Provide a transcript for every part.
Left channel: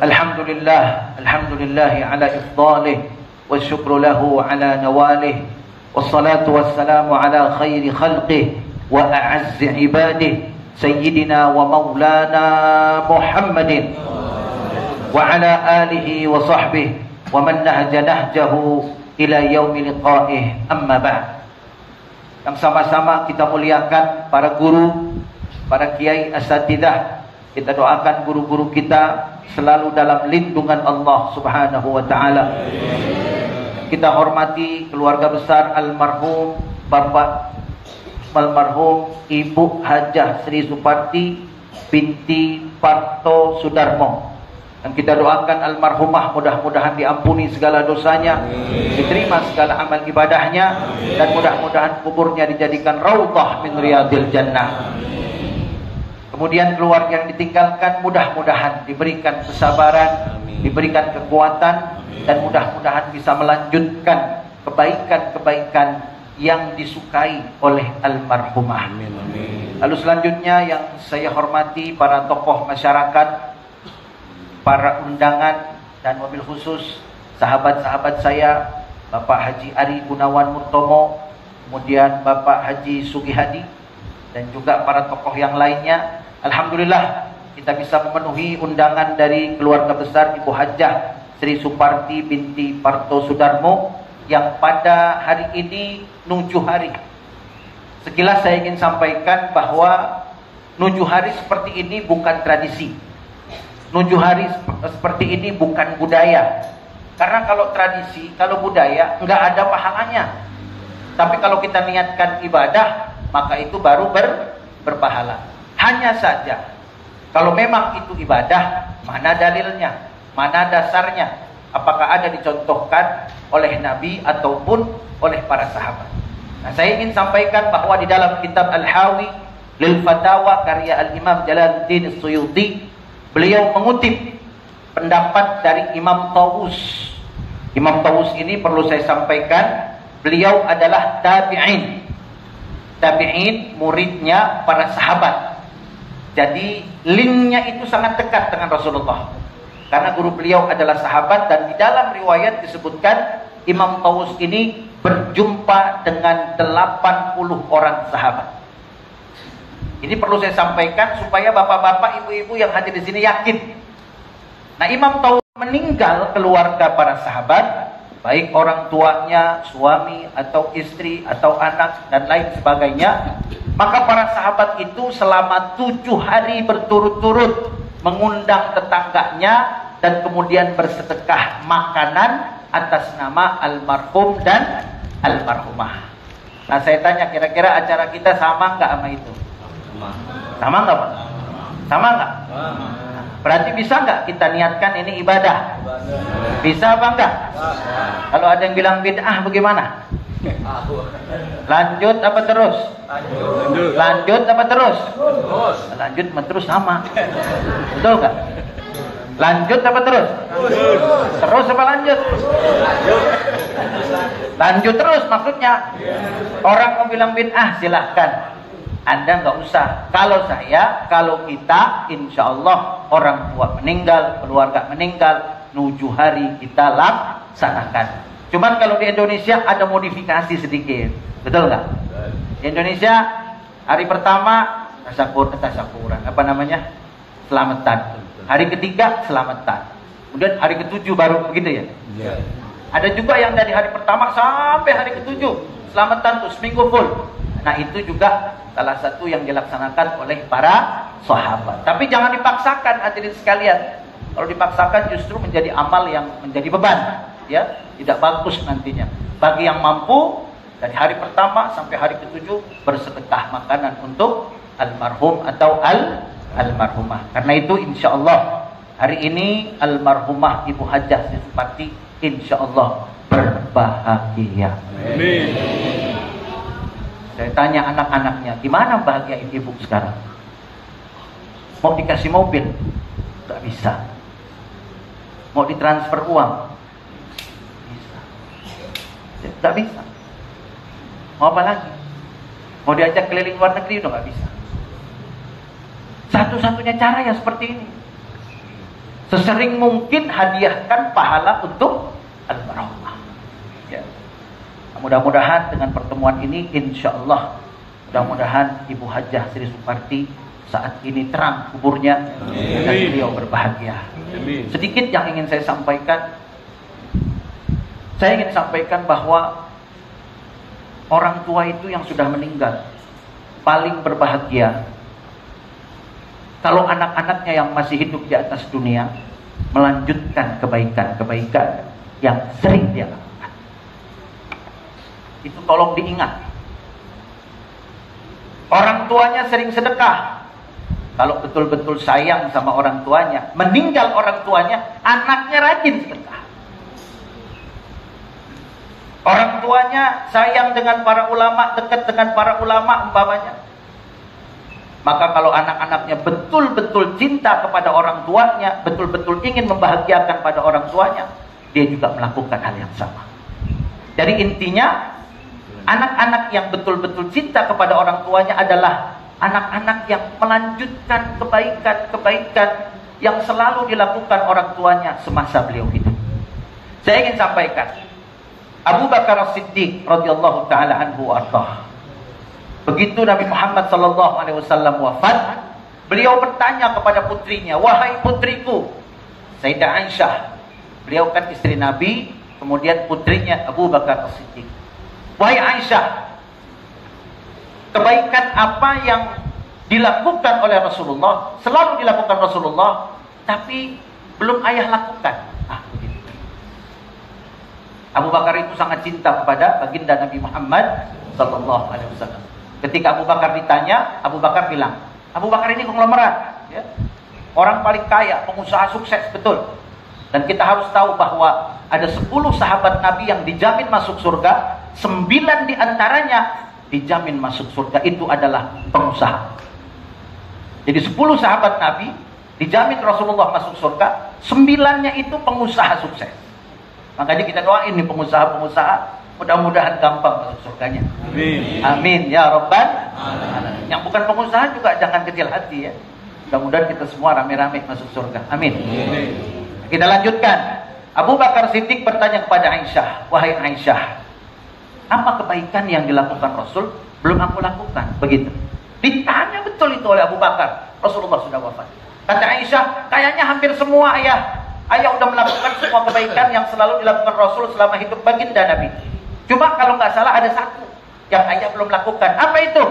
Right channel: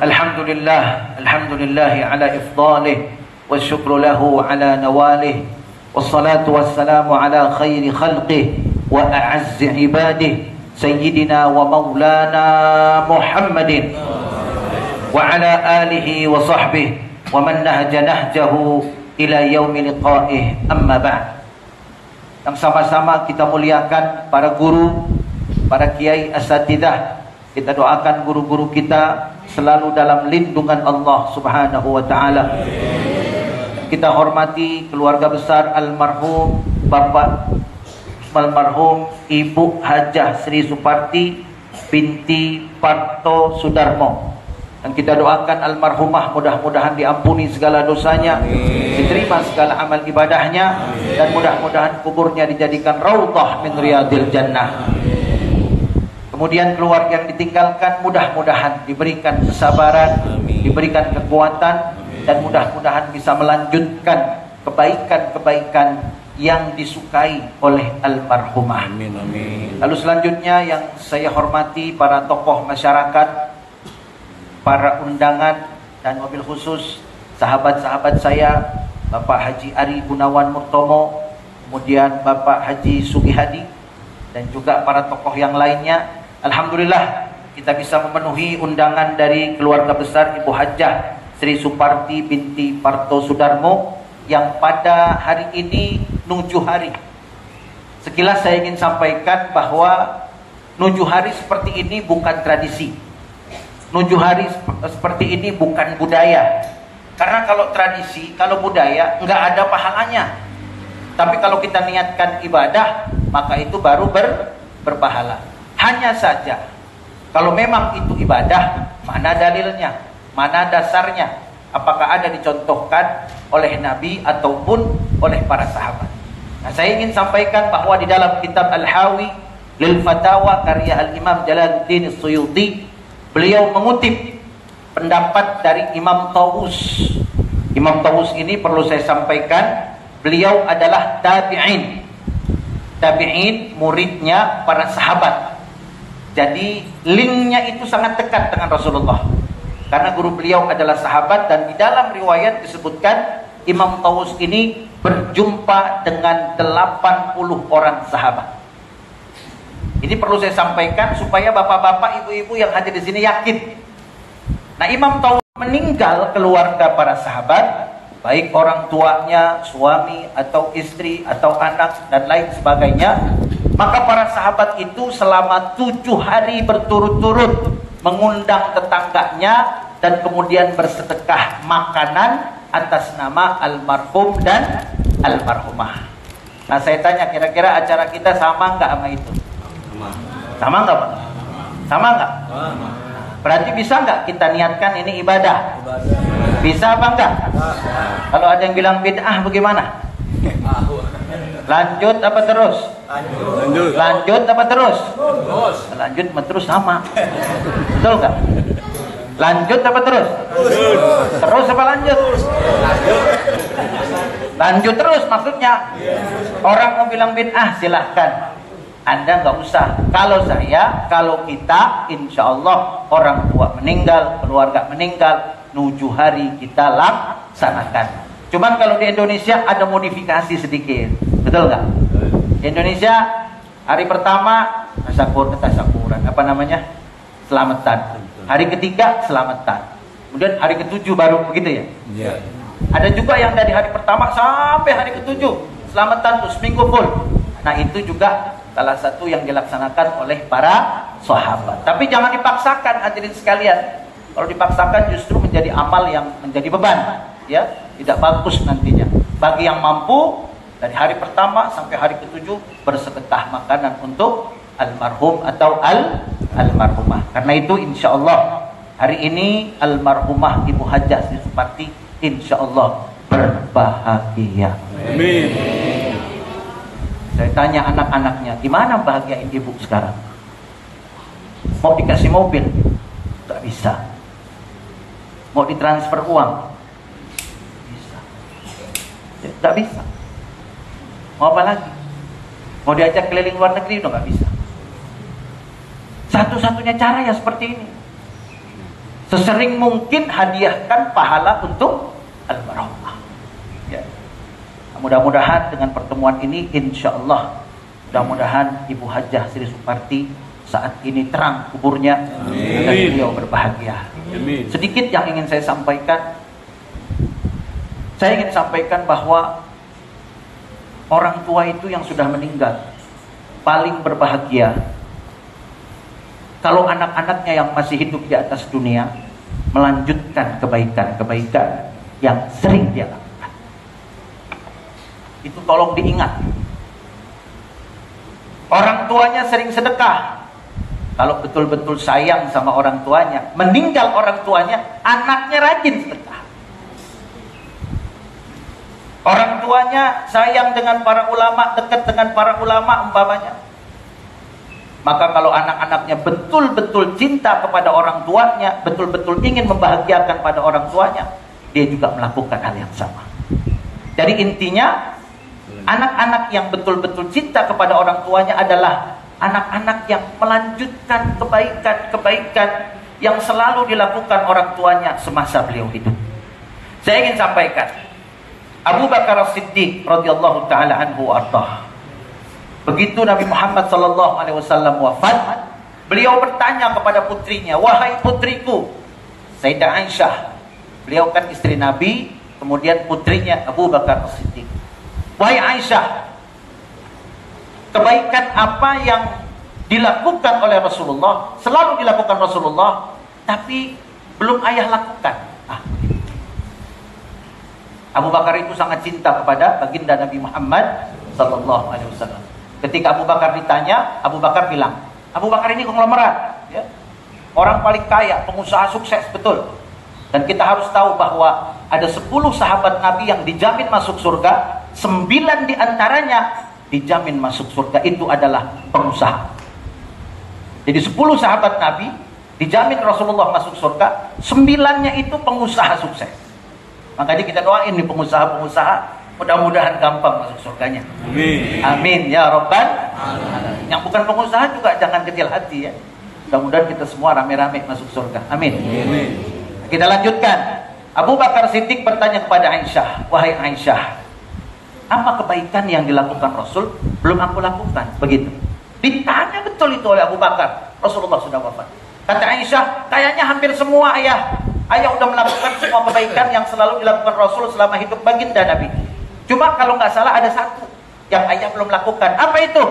Alhamdulillah ala ifdalih, wa syukru lahu ala nawalih, wassalatu wassalamu ala khairi khalqih wa a'azzi ibadih, sayyidina wa maulana Muhammadin wa ala alihi wa sahbihi wa man nahja nahjahu ila yaumi liqa'ih, amma ba'd. Yang sama-sama kita muliakan para guru, para kiai asatidah. Kita doakan guru-guru kita selalu dalam lindungan Allah Subhanahu wa taala. Kita hormati keluarga besar almarhum Bapak almarhum Ibu Hajah Sri Suparti binti Parto Sudarmo. Dan kita doakan almarhumah mudah-mudahan diampuni segala dosanya, diterima segala amal ibadahnya, dan mudah-mudahan kuburnya dijadikan raudhah min riyadil jannah. Kemudian keluarga yang ditinggalkan mudah-mudahan diberikan kesabaran, diberikan kekuatan, dan mudah-mudahan bisa melanjutkan kebaikan-kebaikan yang disukai oleh almarhumah. Amin, amin. Lalu selanjutnya yang saya hormati para tokoh masyarakat, para undangan, dan wabil khusus sahabat-sahabat saya, Bapak Haji Ari Gunawan Murtomo, kemudian Bapak Haji Sugihadi, dan juga para tokoh yang lainnya. Alhamdulillah kita bisa memenuhi undangan dari keluarga besar Ibu Hajah Sri Suparti binti Parto Sudarmo yang pada hari ini nujuh hari. Sekilas saya ingin sampaikan bahwa nujuh hari seperti ini bukan tradisi. Nujuh hari seperti ini bukan budaya. Karena kalau tradisi, kalau budaya nggak ada pahalanya. Tapi kalau kita niatkan ibadah, maka itu baru berpahala. Hanya saja, kalau memang itu ibadah, mana dalilnya, mana dasarnya, apakah ada dicontohkan oleh Nabi ataupun oleh para sahabat. Nah, saya ingin sampaikan bahwa di dalam kitab Al-Hawi Lil Fatawa karya Al-Imam Jalaluddin Suyuti, beliau mengutip pendapat dari Imam Tawus. Imam Tawus ini perlu saya sampaikan, beliau adalah tabi'in. Tabi'in muridnya para sahabat. Jadi linknya itu sangat dekat dengan Rasulullah. Karena guru beliau adalah sahabat, dan di dalam riwayat disebutkan Imam Tawus ini berjumpa dengan 80 orang sahabat. Ini perlu saya sampaikan supaya bapak-bapak, ibu-ibu yang hadir di sini yakin. Nah, Imam Tawus meninggal keluarga para sahabat, baik orang tuanya, suami atau istri atau anak dan lain sebagainya. Maka para sahabat itu selama 7 hari berturut-turut mengundang tetangganya dan kemudian bersedekah makanan atas nama almarhum dan almarhumah. Nah, saya tanya, kira-kira acara kita sama nggak sama itu? Sama nggak? Sama nggak? Berarti bisa nggak kita niatkan ini ibadah? Bisa apa enggak? Kalau ada yang bilang bid'ah bagaimana? Lanjut apa terus? Lanjut apa terus? Lanjut terus sama. Betul nggak? Lanjut apa terus? Terus apa lanjut? Lanjut terus maksudnya. Orang mau bilang bid'ah silahkan. Anda nggak usah. Kalau kita, insya Allah orang tua meninggal, keluarga meninggal, 7 hari kita laksanakan. Cuman kalau di Indonesia ada modifikasi sedikit, betul nggak? Di Indonesia hari pertama tasakuran, apa namanya? Selamatan. Hari ketiga selamatan. Kemudian hari ketujuh baru begitu ya? Yeah. Ada juga yang dari hari pertama sampai hari ketujuh selamatan tuh seminggu full. Nah, itu juga salah satu yang dilaksanakan oleh para sahabat. Tapi jangan dipaksakan hadirin sekalian. Kalau dipaksakan justru menjadi amal yang menjadi beban, ya, tidak bagus nantinya. Bagi yang mampu dari hari pertama sampai hari ketujuh bersedekah makanan untuk almarhum atau almarhumah. Karena itu insya Allah hari ini almarhumah Ibu Hajah Sri Suparti insya Allah berbahagia. Amin. Saya tanya anak-anaknya, gimana bahagiain ibu sekarang? Mau dikasih mobil? Tak bisa. Mau ditransfer uang? Bisa. Tak bisa. Mau apa lagi? Mau diajak keliling luar negeri? Udah gak bisa. Satu-satunya cara ya seperti ini. Sesering mungkin hadiahkan pahala untuk al-barakah. Ya. Mudah-mudahan dengan pertemuan ini, insya Allah, mudah-mudahan Ibu Hajah Sri Suparti saat ini terang kuburnya dan beliau berbahagia. Amin. Sedikit yang ingin saya sampaikan. Saya ingin sampaikan bahwa orang tua itu yang sudah meninggal paling berbahagia kalau anak-anaknya yang masih hidup di atas dunia melanjutkan kebaikan-kebaikan yang sering dia lakukan. Itu tolong diingat. Orang tuanya sering sedekah. Kalau betul-betul sayang sama orang tuanya, meninggal orang tuanya, anaknya rajin sedekah. Orang tuanya sayang dengan para ulama, dekat dengan para ulama umpamanya. Maka kalau anak-anaknya betul-betul cinta kepada orang tuanya, betul-betul ingin membahagiakan pada orang tuanya, dia juga melakukan hal yang sama. Jadi intinya, anak-anak yang betul-betul cinta kepada orang tuanya adalah anak-anak yang melanjutkan kebaikan-kebaikan yang selalu dilakukan orang tuanya semasa beliau hidup. Saya ingin sampaikan, Abu Bakar As-Siddiq radhiyallahu taala anhu ardah. Begitu Nabi Muhammad sallallahu alaihi wasallam wafat, beliau bertanya kepada putrinya, "Wahai putriku," Sayyidah Aisyah. Beliau kan istri Nabi, kemudian putrinya Abu Bakar As-Siddiq. "Wahai Aisyah, kebaikan apa yang dilakukan oleh Rasulullah, selalu dilakukan Rasulullah, tapi belum ayah lakukan?" Gitu. Abu Bakar itu sangat cinta kepada baginda Nabi Muhammad sallallahu alaihi wasallam. Ketika Abu Bakar ditanya, Abu Bakar bilang, Abu Bakar ini konglomerat, ya. Orang paling kaya, pengusaha sukses, betul. Dan kita harus tahu bahwa ada 10 sahabat Nabi yang dijamin masuk surga, 9 diantaranya dijamin masuk surga, itu adalah pengusaha. Jadi 10 sahabat Nabi dijamin Rasulullah masuk surga, 9-nya itu pengusaha sukses. Makanya kita doain nih pengusaha-pengusaha, mudah-mudahan gampang masuk surganya. Amin. Amin ya Rabbal Alamin. Yang bukan pengusaha juga jangan kecil hati ya. Mudah-mudahan kita semua rame-rame masuk surga. Amin. Amin. Kita lanjutkan. Abu Bakar Siddiq bertanya kepada Aisyah, "Wahai Aisyah, apa kebaikan yang dilakukan Rasul belum aku lakukan?" Begitu. Ditanya betul itu oleh Abu Bakar. Rasulullah sudah wafat. Kata Aisyah, "Kayaknya hampir semua ayah sudah melakukan semua kebaikan yang selalu dilakukan Rasul selama hidup baginda Nabi. Cuma kalau nggak salah ada satu yang ayah belum lakukan." Apa itu?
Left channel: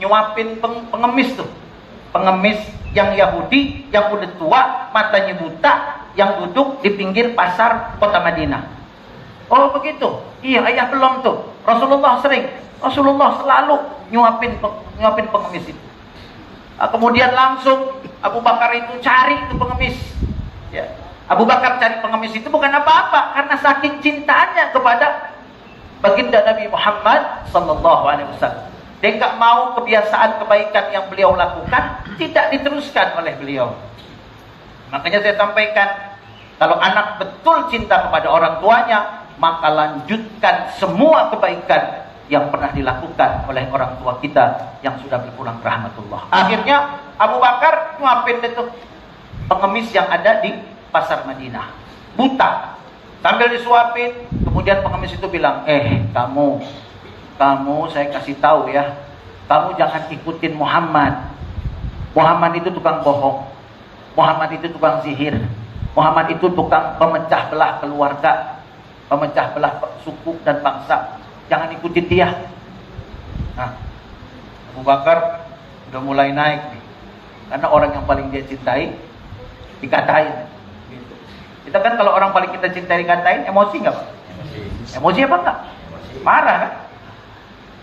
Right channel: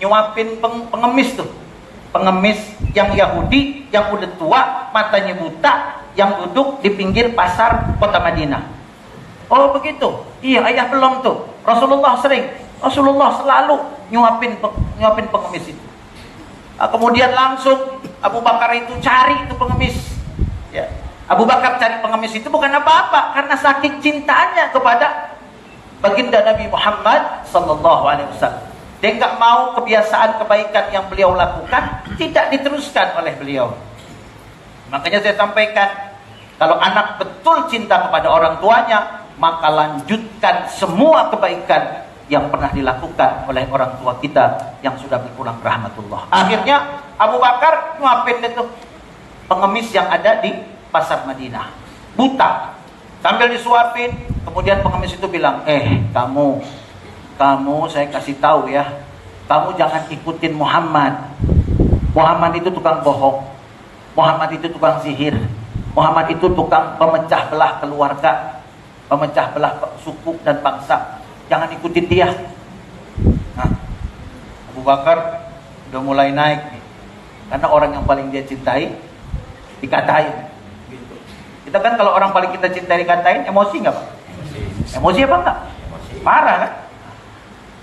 Nyuapin pengemis tuh. Pengemis yang Yahudi, yang udah tua, matanya buta, yang duduk di pinggir pasar kota Madinah. Oh begitu? Iya, ayah belum tuh. Rasulullah sering. Rasulullah selalu nyuapin pengemis itu. Kemudian langsung Abu Bakar itu cari itu pengemis. Ya. Abu Bakar cari pengemis itu bukan apa-apa, karena saking cintanya kepada baginda Nabi Muhammad sallallahu alaihi wasallam. Dia nggak mau kebiasaan kebaikan yang beliau lakukan tidak diteruskan oleh beliau. Makanya saya sampaikan, kalau anak betul cinta kepada orang tuanya, maka lanjutkan semua kebaikan yang pernah dilakukan oleh orang tua kita yang sudah berpulang rahmatullah. Akhirnya Abu Bakar nyuapin itu pengemis yang ada di pasar Madinah, buta. Sambil disuapin, kemudian pengemis itu bilang, kamu saya kasih tahu ya, kamu jangan ikutin Muhammad. Muhammad itu tukang bohong. Muhammad itu tukang sihir. Muhammad itu tukang pemecah belah keluarga, pemecah belah suku dan bangsa. Jangan ikutin dia. Nah, Abu Bakar udah mulai naik nih, karena orang yang paling dia cintai dikatain. Kita kan kalau orang paling kita cintai dikatain, emosi nggak? Emosi apa enggak? Marah kan?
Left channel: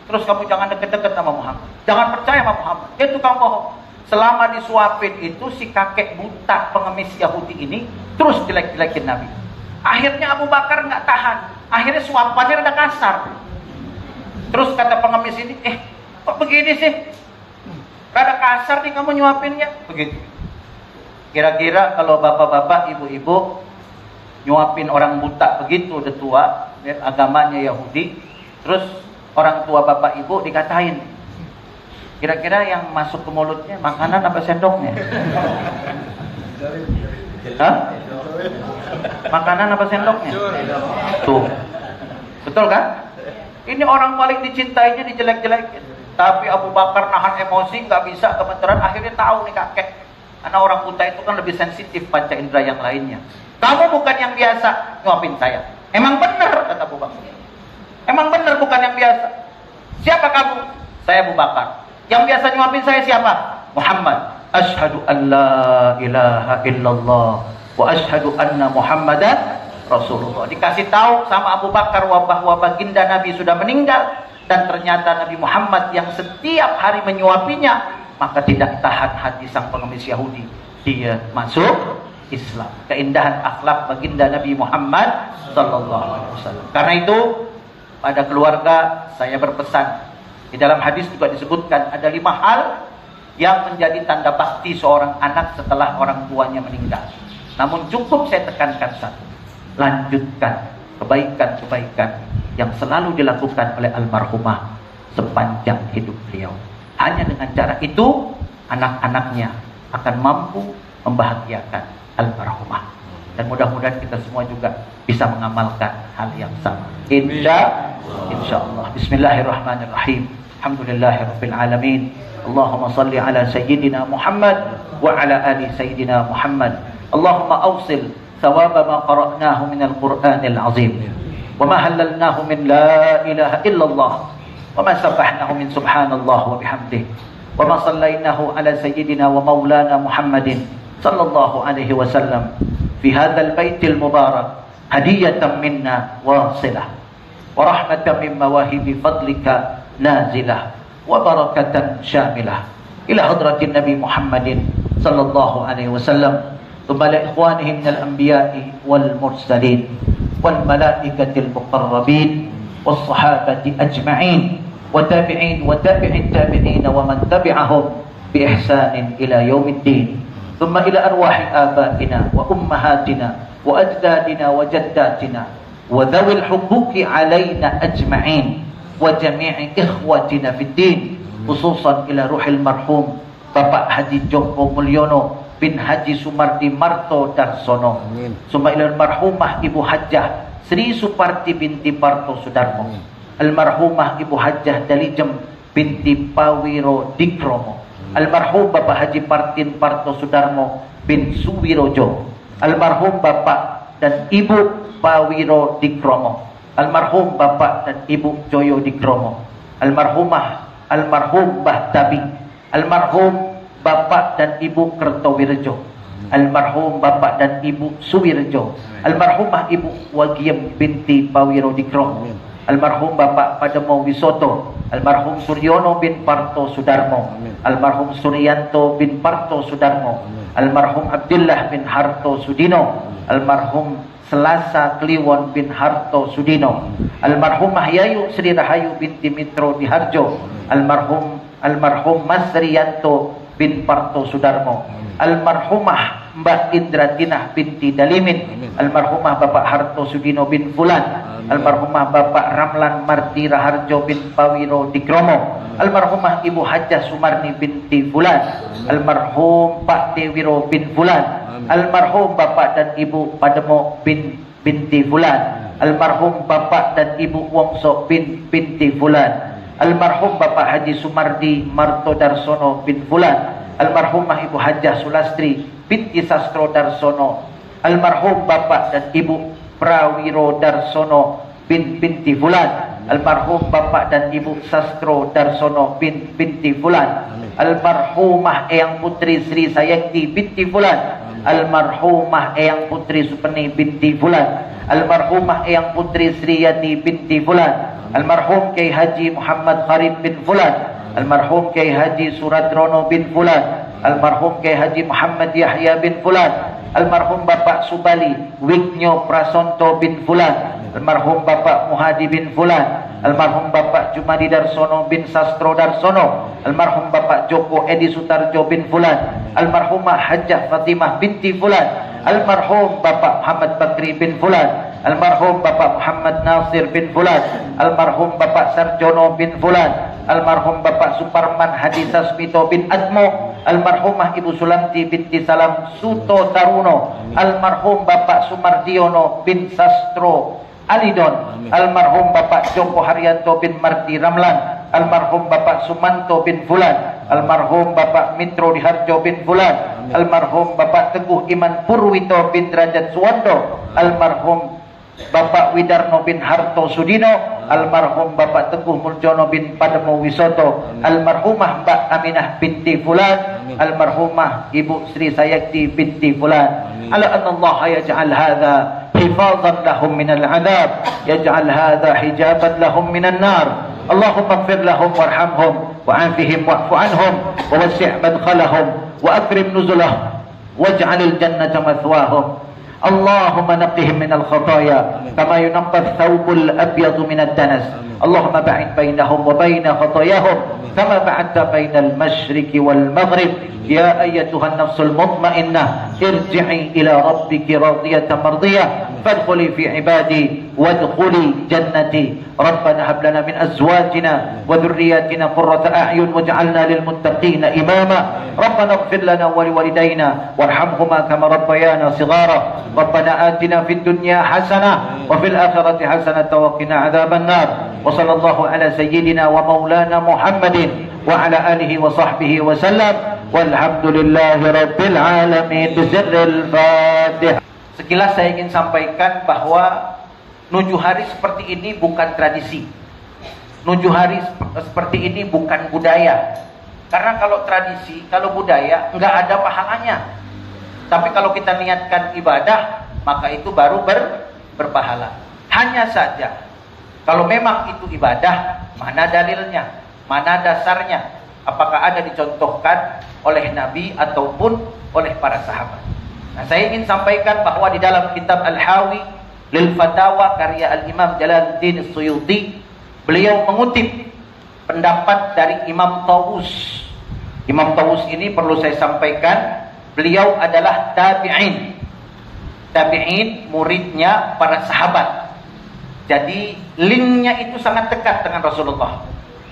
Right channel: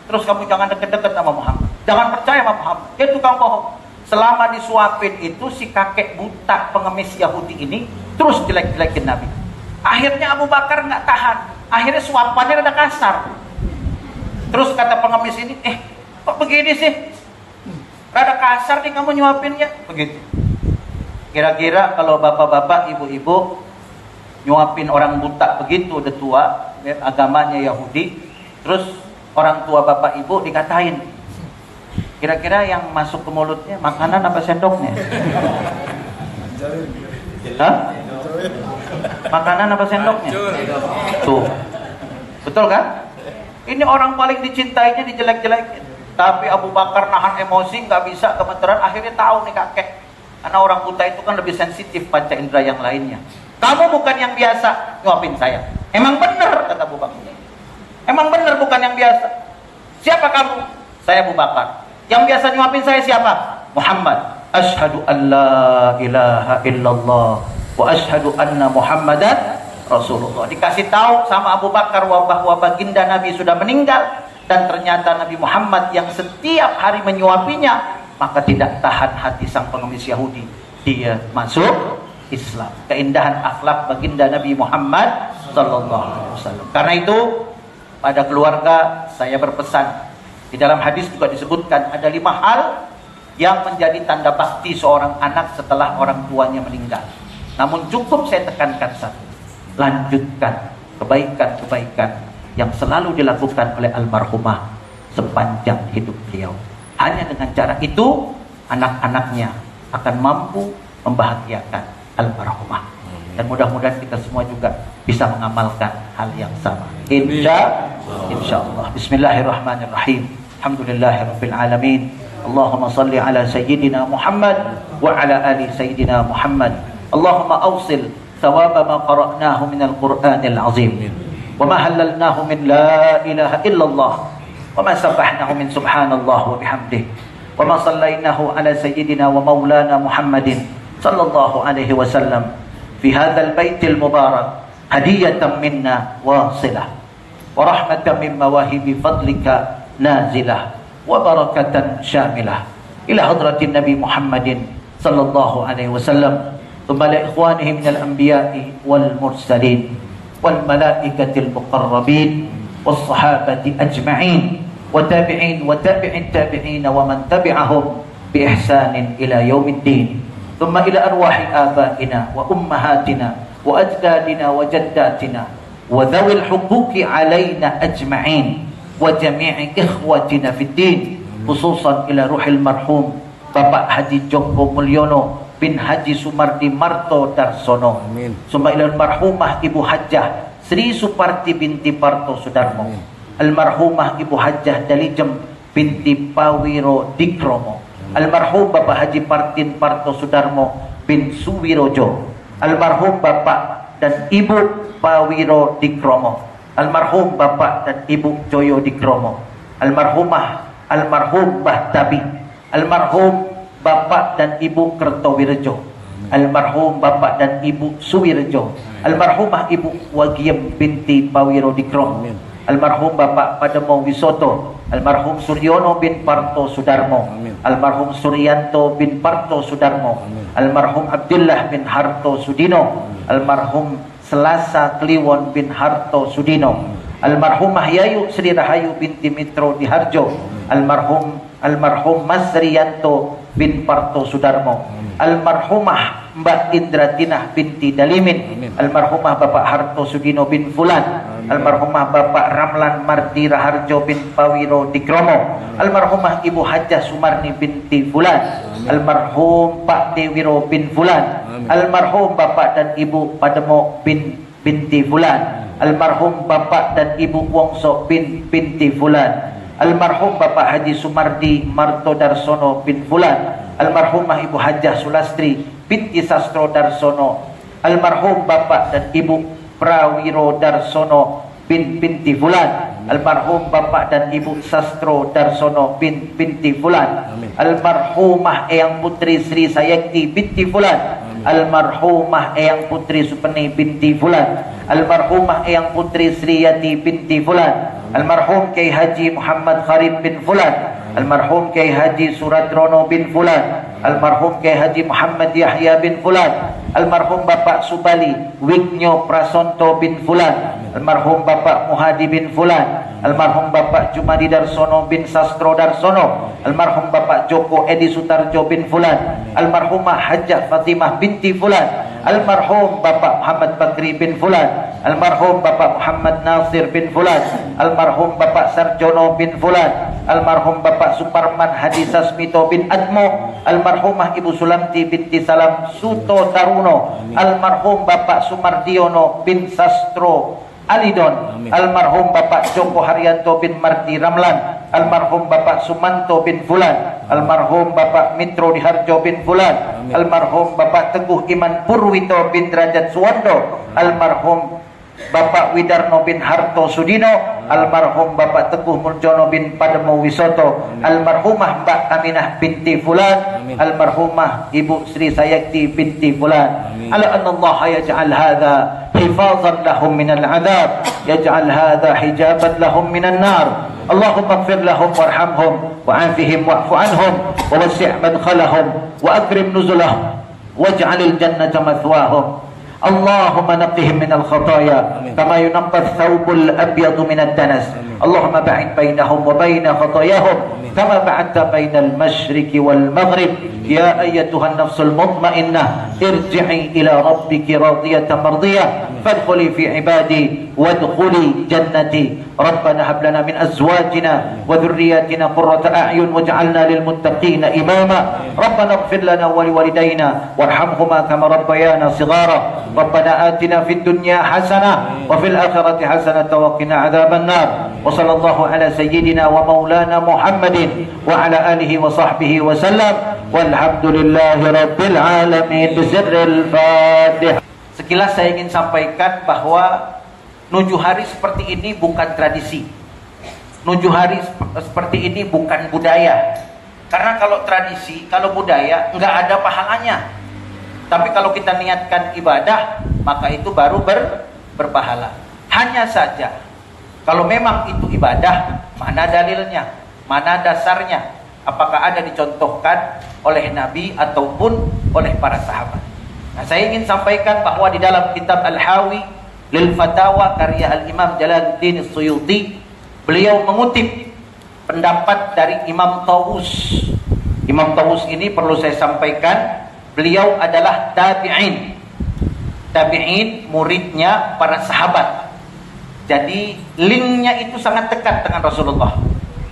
Terus kamu jangan deket-deket sama Muhammad, jangan percaya sama Muhammad, dia tukang bohong. Selama disuapin itu, si kakek buta pengemis Yahudi ini terus jelek-jelekin Nabi. Akhirnya Abu Bakar nggak tahan, akhirnya suapannya rada kasar. Terus kata pengemis ini, kok begini sih? Rada kasar nih kamu nyuapinnya. Begitu. Kira-kira kalau bapak-bapak, ibu-ibu nyuapin orang buta begitu, udah tua, ya, agamanya Yahudi, terus orang tua bapak ibu dikatain, kira-kira yang masuk ke mulutnya makanan apa sendoknya? Hah? Makanan apa sendoknya? Tuh. Betul kan? Ini orang paling dicintainya dijelek-jelekin. Tapi Abu Bakar nahan emosi, nggak bisa, gemeteran, akhirnya tahu nih kakek. Karena orang buta itu kan lebih sensitif panca indera yang lainnya. Kamu bukan yang biasa nyuapin saya. Emang benar, kata Abu Bakar. Emang benar bukan yang biasa. Siapa kamu? Saya Abu Bakar. Yang biasa nyuapin saya siapa? Muhammad. Asyhadu an la ilaha illallah wa asyhadu anna Muhammadan Rasulullah. Dikasih tahu sama Abu Bakar bahwa baginda Nabi sudah meninggal, dan ternyata Nabi Muhammad yang setiap hari menyuapinya, maka tidak tahan hati sang pengemis Yahudi. Dia masuk Islam. Keindahan akhlak baginda Nabi Muhammad SAW. Karena itu pada keluarga saya berpesan, di dalam hadis juga disebutkan ada 5 hal yang menjadi tanda bakti seorang anak setelah orang tuanya meninggal. Namun cukup saya tekankan satu, lanjutkan kebaikan-kebaikan yang selalu dilakukan oleh almarhumah sepanjang hidup beliau. Hanya dengan cara itu anak-anaknya akan mampu membahagiakan almarhumah. Dan mudah-mudahan kita semua juga bisa mengamalkan hal yang sama. Insyaallah. Bismillahirrahmanirrahim. Alhamdulillahirabbil alamin. Allahumma salli ala sayyidina Muhammad wa ala ali sayyidina Muhammad. Allahumma awsil thawaba ma qara'nahu min al-Qur'anil azim. Wa ma halalnahu min la ilaha illallah. Wa ma sabahnahu min subhanallah wa bihamdih. Wa ma sallainahu ala sayyidina wa maulana Muhammadin sallallahu alaihi wasallam fi hadzal baitil mubarak hadiyatan minna wasilah wa rahmatan min mawahibi fadlika nazilah wa barakatan syamilah ila hadratin Nabi Muhammadin sallallahu alaihi wasallam thumma li ikhwanihi minal anbiya'i wal mursalin wal malaikatil muqarrabin was sahabati ajma'in wa tabi'in wa tabi'in tabi'in wa man tabi'ahum bi ihsanin ila yaumiddin. ثم إلى أرواح آبائنا وأمهاتنا وأجدادنا وجداتنا وذوي الحقوق علينا أجمعين وجميع إخوتنا في الدين خصوصا إلى روح المرحوم Bapak Haji Joko Mulyono bin Haji Sumardi Marto Darsono. ثم إلى المرحومة Ibu Hajjah Sri Suparti binti Parto Sudarmo, almarhumah Ibu Hajjah Dalijem binti Pawiro Dikromo, almarhum Bapak Haji Partin Parto Sudarmo bin Suwirojo, almarhum Bapak dan Ibu Pawiro Dikromo, almarhum Bapak dan Ibu Joyo Dikromo, almarhum Mbah Tabi, almarhum Bapak dan Ibu Kertowirjo, almarhum Bapak dan Ibu Suwirjo, almarhumah Ibu Wagiem binti Pawiro Dikromo, almarhum Bapak Pademo Wisoto, almarhum Suryono bin Parto Sudarmo, almarhum Suryanto bin Parto Sudarmo, almarhum Abdullah bin Harto Sudino, almarhum Selasa Kliwon bin Harto Sudino, almarhumah Yayu Sri Rahayu binti Mitro Diharjo, almarhum Mas Riyanto bin Parto Sudarmo, almarhumah Mbak Indratinah binti Dalimin, almarhumah Bapak Harto Sudino bin Fulan, almarhumah Bapak Ramlan Marti Raharjo bin Pawiro Dikromo, almarhumah Ibu Hajjah Sumarni binti Fulan, almarhum Pak Dewiro bin Fulan, almarhum Bapak dan Ibu Pademo binti Fulan, almarhum Bapak dan Ibu Wongso binti Fulan, almarhum Bapak Haji Sumardi Marto Darsono bin Fulan, almarhumah Ibu Hajjah Sulastri binti Sastro Darsono, almarhum Bapak dan Ibu Prawiro Darsono binti Fulan, almarhum Bapak dan Ibu Sastro Darsono binti Fulan, almarhumah Eyang Putri Sri Sayakti binti Fulan, almarhumah Eyang Putri Supeni binti Fulan, almarhumah Eyang Putri Sri Yati binti Fulan, almarhum Kiai Haji Muhammad Kharib bin Fulan, almarhum Kiai Haji Suradrono bin Fulan, almarhum Kiai Haji Muhammad Yahya bin Fulan, almarhum Bapak Subali Wignyo Prasonto bin Fulan, almarhum Bapak Muhadi bin Fulan, almarhum Bapak Jumadi Darsono bin Sastro Darsono, almarhum Bapak Joko Edi Sutarjo bin Fulan, almarhumah Hajjah Fatimah binti Fulan, almarhum Bapak Muhammad Bakri bin Fulan, almarhum Bapak Muhammad Nasir bin Fulan, almarhum Bapak Sarjono bin Fulan, almarhum Bapak Suparman Hadi Sasmito bin Admo, almarhumah Ibu Sulamti binti Salam Suto Taruno, almarhum Bapak Sumardiono bin Sastro Alidon, almarhum Bapak Joko Haryanto bin Mardi Ramlan, almarhum Bapak Sumanto bin Fulan, almarhum Bapak Mitro Diharjo bin Fulan, almarhum Bapak Teguh Iman Purwito bin Derajat Suwando, almarhum Bapak Widarno bin Harto Sudino, almarhum Bapak Teguh Muljono bin Padmo Wisoto, almarhumah Mbak Aminah binti Fulan, almarhumah Ibu Sri Sayakti binti Fulan. Ala anna Allah yaj'al hadha hifazan lahum minal adab, yaj'al hadha hijaban lahum minan nar. Allahumma ighfir lahum warhamhum wa'afihim wa'fu anhum wa wasi' madkhalahum wa akrim nuzulahum waj'alil jannata mathwahum. اللهم نقهم من الخطايا كما ينقى الثوب الأبيض من الدنس. اللهم بعد بينهم وبين خطاياهم كما بعدت بين المشرق والمغرب. يا أيتها النفس المطمئنة ارجعي إلى ربك راضية مرضية فادخلي في عبادي وادخلي جنتي. ربنا هب لنا من أزواجنا وذرياتنا قرة أعين واجعلنا للمتقين إماما. ربنا اغفر لنا ولوالدينا وارحمهما كما ربيانا صغارا. ربنا آتنا في الدنيا حسنة وفي الآخرة حسنة وقنا عذاب النار. وصلى الله على سيدنا ومولانا محمد وعلى آله وصحبه وسلم والحمد لله رب العالمين بسر الفاتحة. Sekilas saya ingin sampaikan bahwa nujuh hari seperti ini bukan tradisi. Nujuh hari seperti ini bukan budaya. Karena kalau tradisi, kalau budaya nggak ada pahalanya. Tapi kalau kita niatkan ibadah, maka itu baru berpahala. Hanya saja, kalau memang itu ibadah, mana dalilnya, mana dasarnya, apakah ada dicontohkan oleh Nabi ataupun oleh para sahabat. Nah, saya ingin sampaikan bahwa di dalam kitab Al-Hawi Lil Fatawa karya Al-Imam Jalaluddin Suyuti, beliau mengutip pendapat dari Imam Tawus. Imam Tawus ini perlu saya sampaikan, beliau adalah tabi'in. Tabi'in muridnya para sahabat. Jadi linknya itu sangat dekat dengan Rasulullah.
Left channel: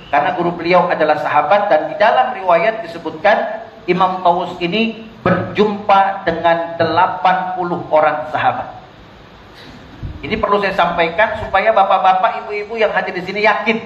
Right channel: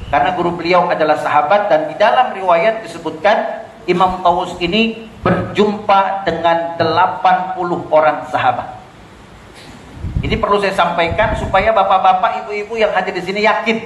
Karena guru beliau adalah sahabat dan di dalam riwayat disebutkan Imam Tawus ini berjumpa dengan 80 orang sahabat. Ini perlu saya sampaikan supaya bapak-bapak, ibu-ibu yang hadir di sini yakin